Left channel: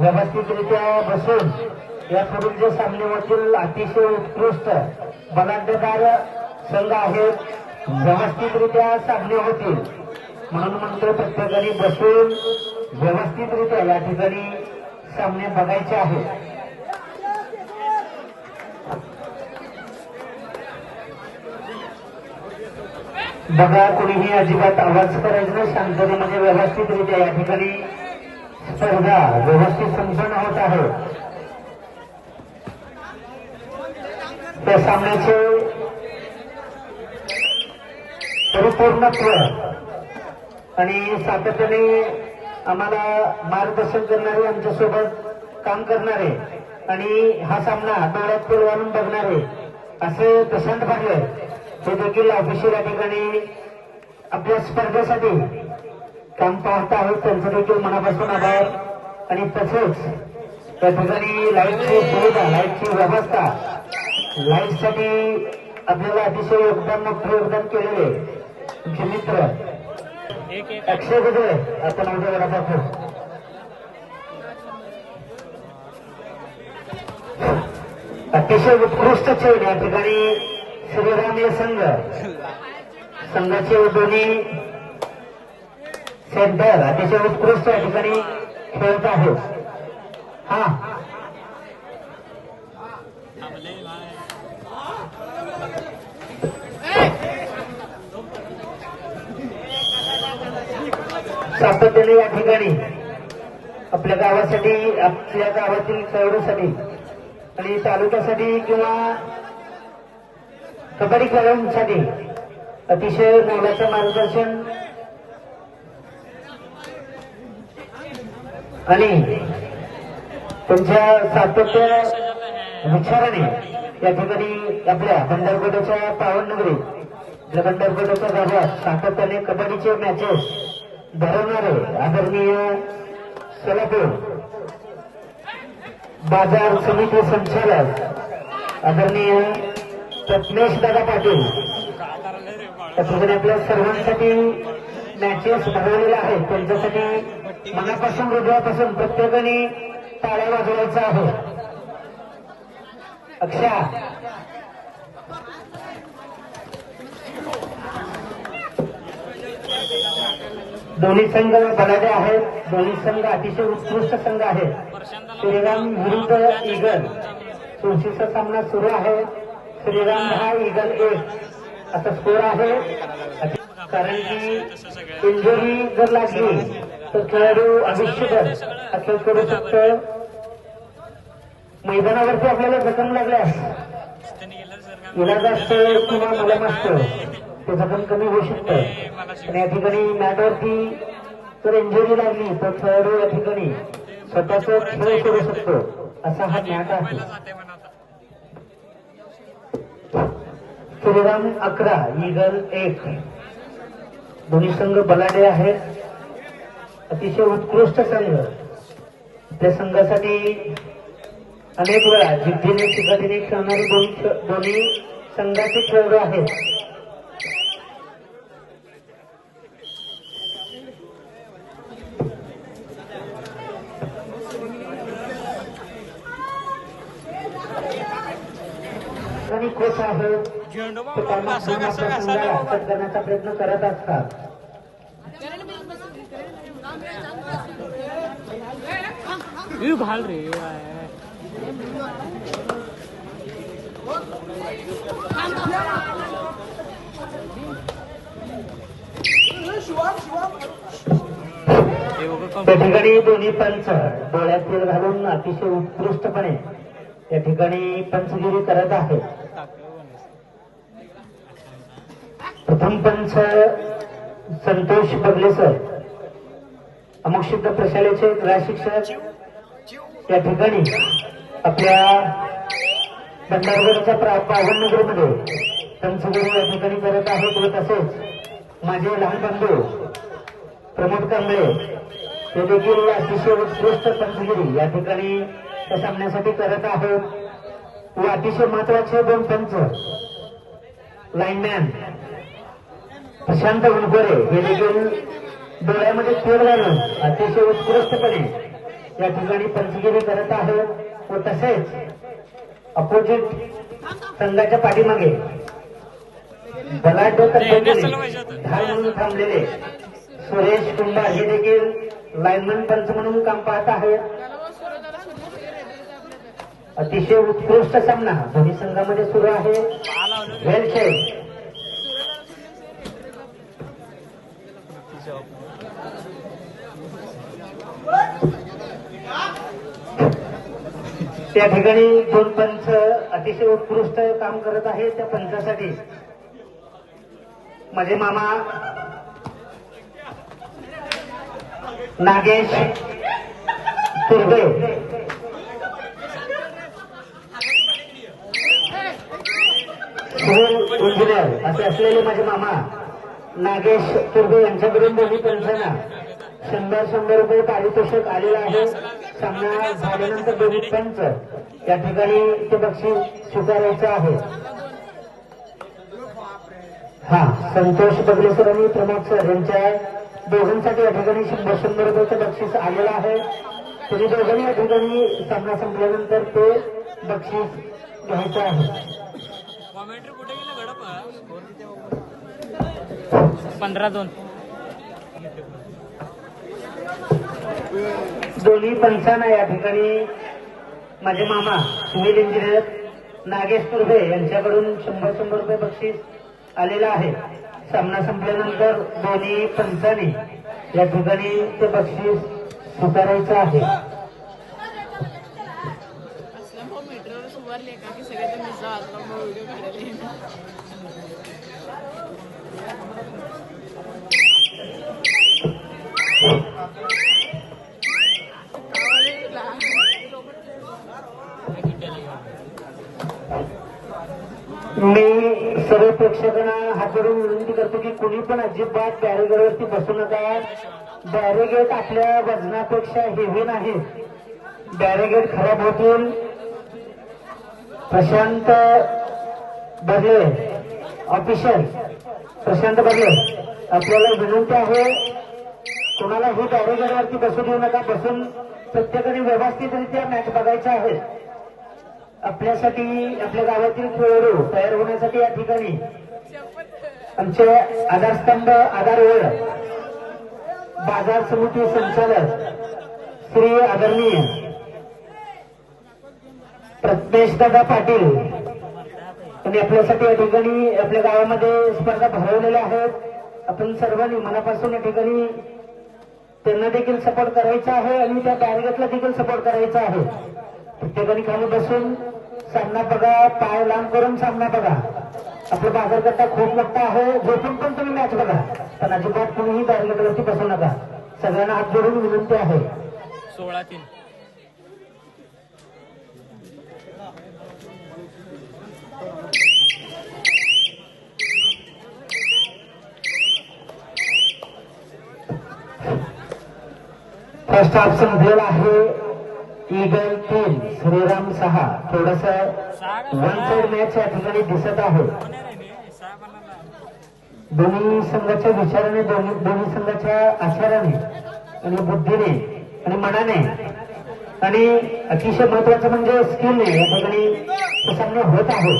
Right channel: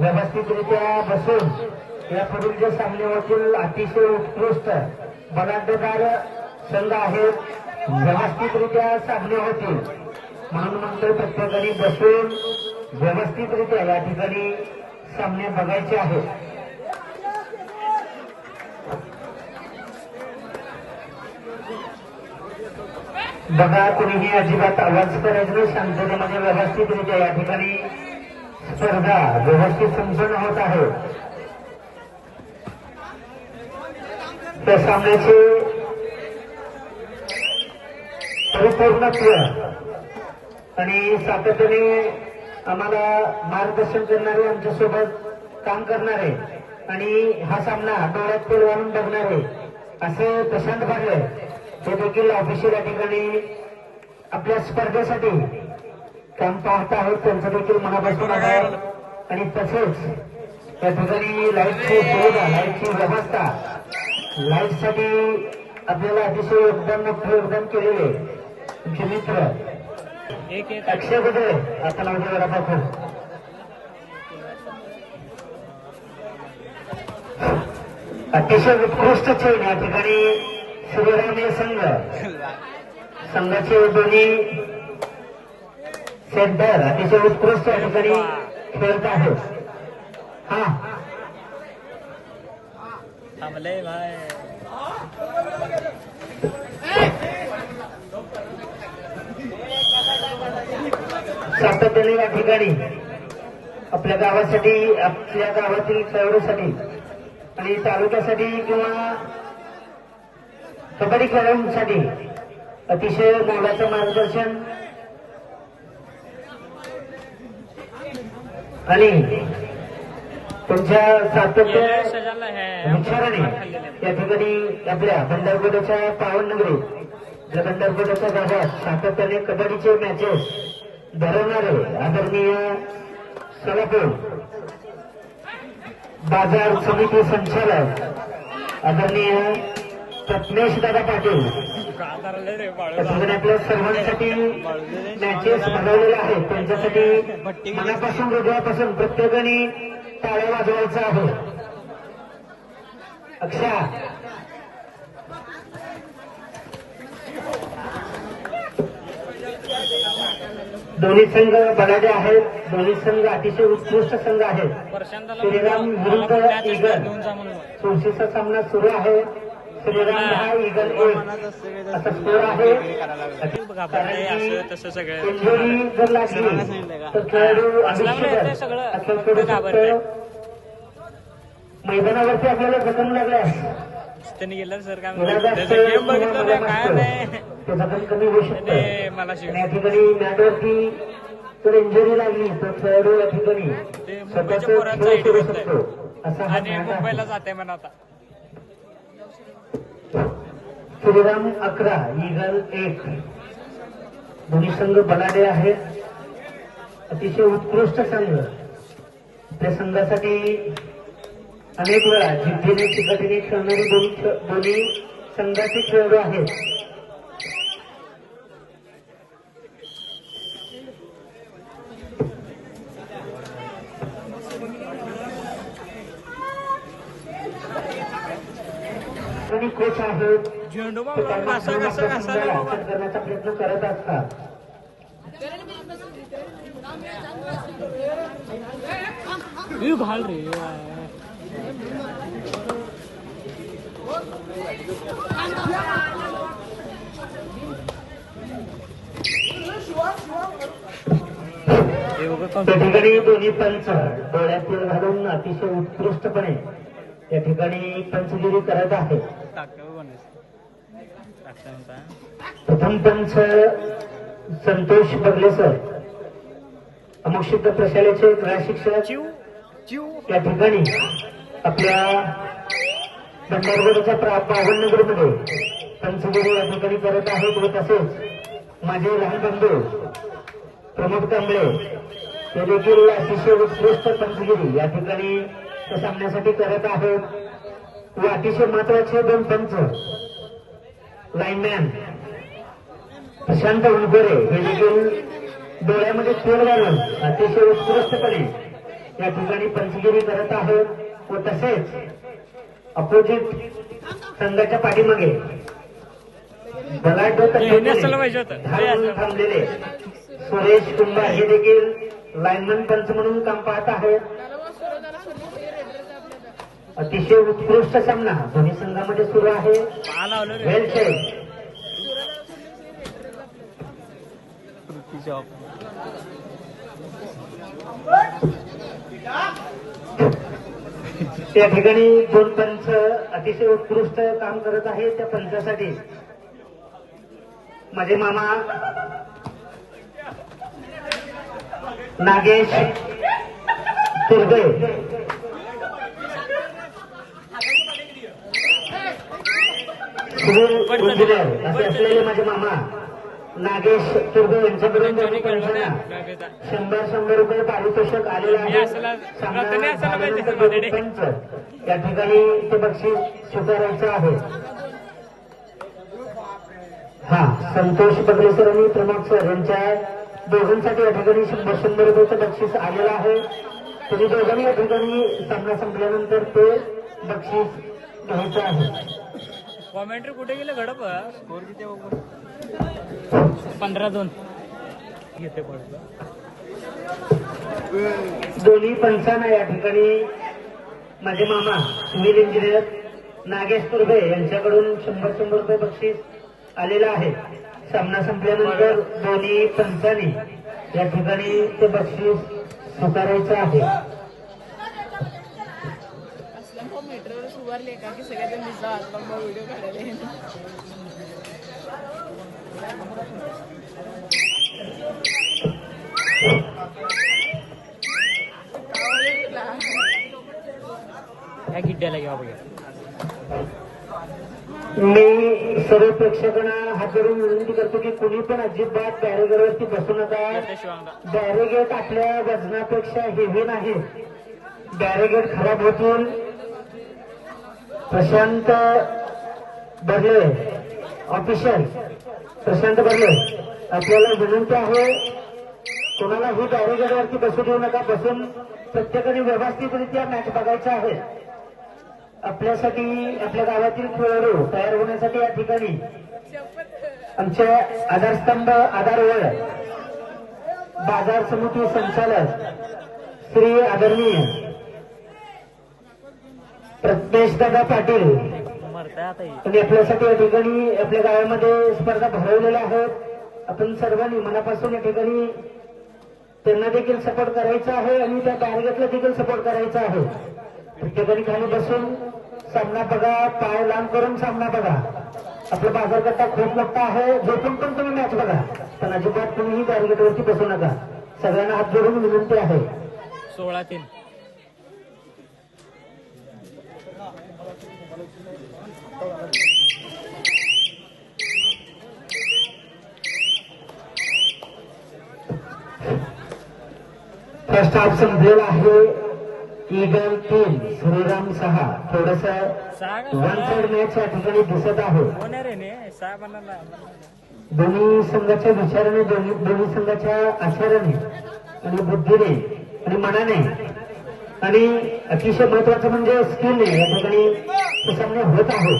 व्यवस्थितरित्या बसून यापूर्वी जे सामने होतील अतिशय उत्कृष्ट बलाढ्यदार संघ आहेत व्यवस्थितरित्या सामने होतील म्हणून म्हणतो प्रत्येकाने बसून व्यवस्थितरित्या या ठिकाणी सामने बघायचे आहेत. बघा कोणीही अजिबात आवाज करायचा नाही, शांततेमध्ये व्यवस्थितरित्या या ठिकाणी स्पर्धा व्यवस्थित संपन्न होत आहे. त्या सामन्याचे परिपूर्णत्व आणि सातत्याने आम्हाला मार्गदर्शन करणारे आमच्यासोबत काम करणारे आणि हा सामना डोळ्यात तेल घालून बघणारे असे प्रशांत भागले ते देखील ऑफिशियल या ठिकाणी आपल्या स्पर्धेसाठी काम पाहत आहेत. त्यांचं देखील मनापासून आभार. आणि तसेच त्या ठिकाणी लाईटची सुविधा लाईटची व्यवस्था लाईटसाठी आपल्याला अतिशय योगदान मोठं योगदान केलेले तुमचे मित्र अक्षय कुठे आपण आमच्या घरात अतिशय उत्कृष्ट खेळ या ठिकाणी श्रीराम संघ संघाचे दोन्ही सेंटर अतिशय उत्कृष्ट या ठिकाणी खेळत आहेत. हा सातत्याने या ठिकाणी आपल्या गावासाठी आपल्या गावातील खेळाडूसाठी आणि तालुक्यासाठी किंवा कबड्डी खेळाडूंसाठी अतिशय मोलाचं मार्गदर्शन आणि तुमच्या सातत्य विचाराने या ठिकाणी आपल्या बंदरगोड्याच्या पावननगरी या बंदरगोड्याच्या भागात सातत्याने कबड्डीचे मॅचेस भरवणारे आदरणीय सलाटे बाजार समिती संचालक आदरणीय प्रज्ञेश दादा पाटील त्याच्याकडे आपल्या सर्वांसाठी मॅचेस भरवलेले आहेत. त्यांच्यासाठी मनापासून हृदयापासून प्रत्येकाने टाळ्या वाजवायचा आहे. अक्षा दोन्ही संघ बलाढ्य आहेत. दोन्ही संघ अतिशय उत्कृष्ट संघ आहेत. श्रीराम विरुद्ध ईगल चुरशीचा सामना सुरू आहे. श्रीराम हा ईगल 1 असा स्कोर आहे. कारण की इंजुरी जर लागली तर खेळाडू आयुष्यभर हा खेळ करू शकतो. मैदानावरती आपल्याला जखम लागल्यास इलाज असते किंवा मलम असतं ते जखम कमी होऊ शकते. आणि या ठिकाणी मॅटवरती जर इंजुरी लागली तर खेळाडू या ठिकाणी स्वतःच खेळ करू शकतो असा हा मॅच आहे. श्रीराम 11 ईगल 1 दोन्ही संघ बलाढ्य आहेत. अतिशय उत्कृष्ट संघ. त्या संघासाठी अनेक वेळा जिद्दीने चिकाटीने खेळणारे दोन्ही संघाचे खेळाडू आहेत. आणि कोच आहेत ते त्यांना आपल्या संघाला हरकत करण्याचा प्रयत्न करत असतात. घाल रे त्या ठिकाणी दोन्ही पंच डोळ्यात तेल घालून अतिशय उत्कृष्टपणे या ठिकाणी पंचगिरी करत आहेत. प्रथम पंच संतोष बगलेसर अमुकसिद्ध प्रशालेचे क्रीडा शिक्षक या ठिकाणी आपल्या भंडारगडच्या पावननगरमध्ये पंचगिरी या ठिकाणी करत आहेत. व तसेच माझे लहान बंधू प्रमोद कांबळे ते देखील अतिशय उत्कृष्ट पंचगिरी या ठिकाणी त्या सामन्यासाठी करत आहोत. व अतिशय महत्वाचे 2 पंच लाईनमॅन प्रशांत उलगरे हे देखील डोळ्यामध्ये तेल घालून अतिशय उत्कृष्टपणे या ठिकाणी पंचगिरी करत आहेत व तसेच अपोजिट संघाच्या पाठीमागे बलाढ्य पद्धतीने धावून थांबलेले सुरेश कुंडा हे देखील लाईनमन पंच म्हणून काम पाहत आहेत. अतिशय उत्कृष्ट सामना दोन्ही संघामध्ये सुरू आहे. वेल सेट. त्या ठिकाणी दोन पंच अतिशय उत्कृष्ट काम करत आहेत. त्या पंचासाठी माझे मामा नागेश तुर्बे सिव्हिल इंजिनियर असे असलेले माझे मामा नागेश तुर्बे यांच्याकडून दोन्ही पंचांना 100 रुपये पारितोषिक आलेलं आहे. सामना झाल्यानंतर दोन्ही पंच या ठिकाणी ते बक्षीस स्वीकारायचं आहे. हा संतोष बगले सर आणि प्रमोद सर यांच्या दोघांसाठी या ठिकाणी 100 रुपयाचं बक्षीस आलेलं आहे. तुम्ही दोघांनी या ठिकाणी सामना संपल्यानंतर ते बक्षीस घ्यायचं आहे. कॉमेंट्री कुठे गेले घडप 15-2 दोन्ही पंचांना या ठिकाणी माझे मामा सिव्हिल इंजिनियर नागेश तुर्बे यांच्याकडून 100 रुपये बक्षीस आलेलं आहे. सामना संपल्यानंतर दोन्ही पंचांनी या ठिकाणी ते बक्षीस स्वीकारायचं आहे. मी सर्व प्रेक्षकांना हात जोडून विनंती करतो की कुणी पण अजिबात बॅरिगेडवरती बसू नका. बॅरिगेड आपल्या वजनापेक्षा हेवी नाही. बॅरिगेड खराब होतील. प्रशांत बर्ले ऑफिशियल प्रशांत बर्ले आपल्याला विनंती आहे कोणाला ही बॅरिगेडवरती बसू देऊ नका. बसून प्रत्येकाने व्यवस्थितरित्या मॅच बघायचा आहे. आपल्यासाठी आपल्या गावातील खेळाडू तयार होण्यासाठी या ठिकाणी आमचे आधारस्तंभ आधारवेळ बाजार समिती संचालक श्री आदरणीय प्रज्ञेशदादा पाटील आणि आपल्यासाठी या ठिकाणी आपल्या गावामध्ये स्पर्धा भरवलेल्या आहेत. आपण सर्वांनी मनापासून या ठिकाणी त्यांना देखील सपोर्ट करायचा आहे आणि त्या बॅरिगेडला देखील सपोर्ट करायचा आहे. प्रत्येकाने खाली बसून सामना बघा. पाय लांब करून सामना बघा. आपला बाजारकट्टा खूप मोठा आहे. झोपून पण तुम्ही मॅच बघा पण अजिबात कुणीही बॅरिगेडवरती बसू नका. सगळ्यांना हात जोडून विनंती आहे. 16-3 फर्स्ट हाफ संपलेला आहे. ईगल 3 श्रीराम 6. थोडस वन साइड मॅच या ठिकाणी दिसत आहे. दोन्ही संघाच्या विचाराने दोन्ही संघाच्या आचाराने आणि बुद्धीने आणि मनाने आणि अतिशय महत्वाचं म्हणजे स्किलने या ठिकाणी सामने होत आहे.